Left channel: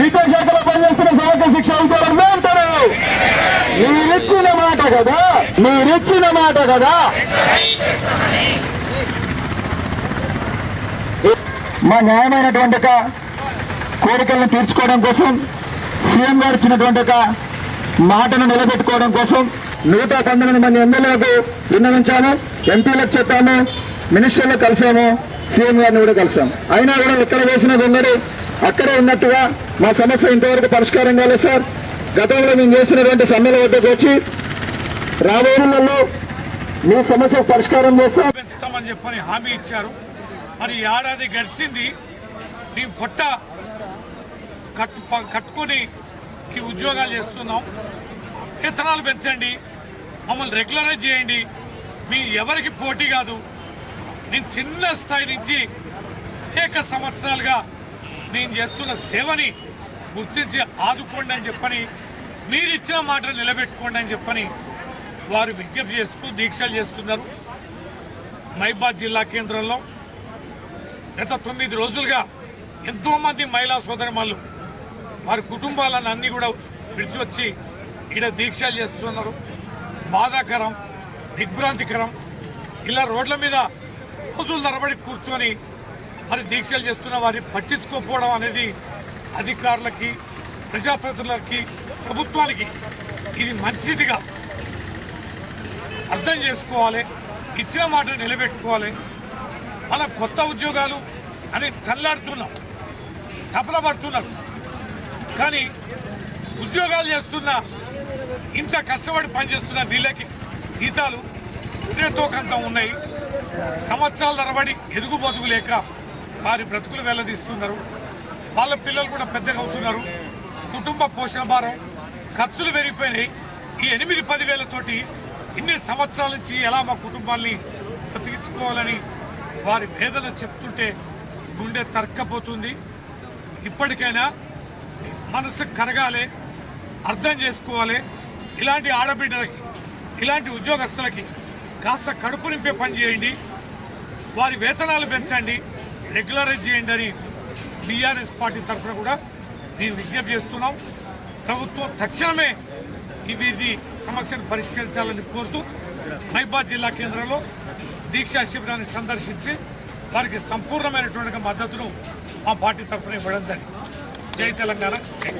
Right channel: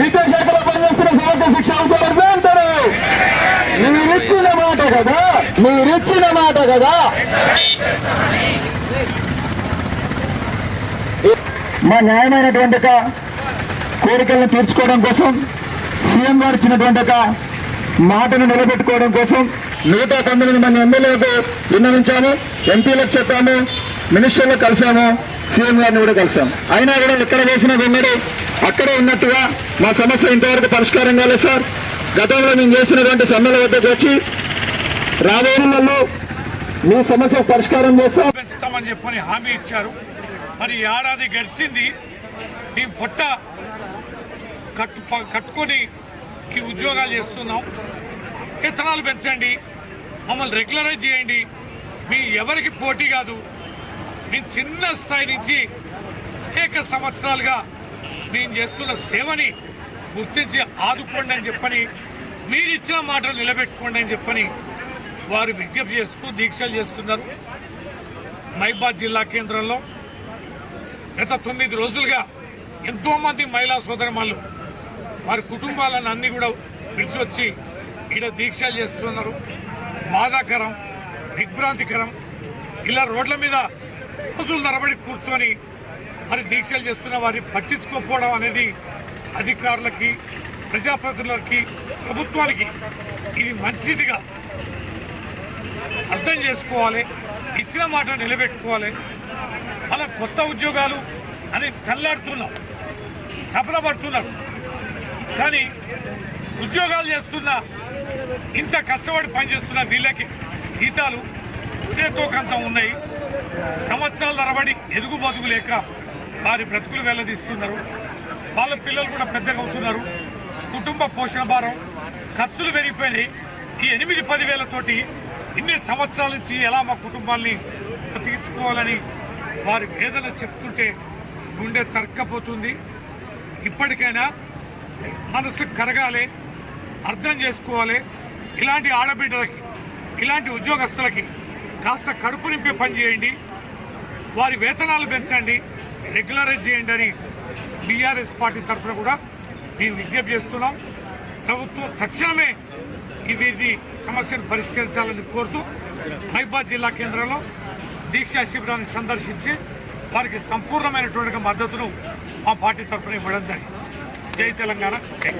విద్యాశాఖలో పనిచేస్తున్న సమగ్ర శిక్ష అధికారులు వెంటనే మీరిచ్చిన మాట కదా మా న్యాయమైనటువంటి కోరికలను తీర్చుకోవడం కోసం సీఎం గారు ఇచ్చినటువంటి మాటను నిలబెట్టుకోవడం కోసం 119 మంది ఎమ్మెల్యేలకు విన్నవించాము, ఎంపీలకు చెప్పాము, మినిస్టర్లు కలిసాము, సీఎం గారిని కూడా కలిసాము. అయినా కూడా ఎక్కడ చేసిన వెన్నడే అక్కడే ఉన్నట్టుగా మా సమస్య ఇంతవరకు పరిష్కారం కాలేదు సార్. గతంలో మేము చేసినటువంటి సమ్మెల వద్దకు వచ్చి రాబోయే నెలలో మీ సమస్య పరిష్కారం పెంచుతామని చెప్పని హామీ ఇచ్చారు. మరి ఏడాది గడిచింది, మేము పొట్ట కట్టుకొని ఈ ఉద్యోగాలు చేస్తున్నాం. వేతనాలు పెంచండి, మమ్మల్ని రెగ్యులరైజ్ చేయండి. మీ ఎవరికి పోటీ కాదు. నేను చిన్న స్థాయి నుంచి అనేక సంవత్సరాలుగా నేను చేస్తున్న సేవని గుర్తించి ఆదుకోండి అని చెప్పని, మీరిచ్చిన మాట నిలబెట్టుకోండి అని చెప్పని వారు విజ్ఞప్తి చేస్తూ దీక్షలు చేస్తున్నారు. మహబూబాబాద్ జిల్లా కేంద్రంలో గత 9 రోజులుగా ఎంతో మంది మహిళా సోదరమల్లు వారి కుటుంబాలను అన్ని కూడా విడిచొచ్చి ఈడ దీక్షలు చేస్తున్నారు. బాధాకరం, దిగ్భ్రాంతికరం. ఇలా రోడ్ల మీద రోజుల తరబడి కూర్చొని మరి దీక్షలు చేస్తున్న వారిని పట్టించుకోకపోవడం అనేది అధికారులకి, ప్రజాప్రతినిధులకి, ప్రభుత్వానికి ఇది మంచిదిగా అర్థం చేసుకోవాలి. ఇచ్చిన మాట నిలబెట్టుకోవాలి. అలా కొత్త ఉద్యోగాలు అని తల్లాడుతున్నాం, తపన పడుతున్నారు. కానీ ఉద్యోగాలు చేస్తున్న, ఇంత కష్టపడి పనిచేస్తున్న వీళ్ళకి జీతాలు ఉదయతోకంత ఉన్నాయి. సంవత్సరాల తరబడి ఎదుగు బతుకు లేక వారి బ్రతుకులు వెల్లదీస్తున్నారు. వాళ్ళ పిల్లలు కూడా పెద్దగా అవుతున్నారు. కుటుంబ పోషణ భారం, ఖర్చులు పెరిగిపోయినాయి. ఈ 8-10 వేలతోటి ఇన్ని సంవత్సరాల నుంచి ఎలా మా కుటుంబాల్ని బ్రతికించుకోవాలని వారి వేదన చెప్తుంటే గుండె తరక్కపోతుంది. ఇప్పటికైనా మనసు కరగాలి, అర్థం చేసుకోవాలి. ఇలాంటి ఆడబిడ్డలకి, ఇలాంటి ఉద్యోగస్తులకి కాస్త కడుపు నింపే పని చేయండి, వారి వేతనాలు పెంచండి, రెగ్యులరైజ్ చేయండి అని బీఆర్ఎస్ పార్టీ తరఫున కూడా మేము విజ్ఞప్తి చేస్తున్నాం. ప్రభుత్వం తక్షణమే ఈ వీధి సమస్యను పరిష్కరించాలని కోరుతూ మహబూబాబాద్ జిల్లా కేంద్రంలో దీక్షా శిబిరాన్ని సందర్శించి వారికి సంపూర్ణమైనటువంటి మద్దతును మా పార్టీ తరఫున ఇవ్వడం జరిగింది. జై తెలంగాణ, జై.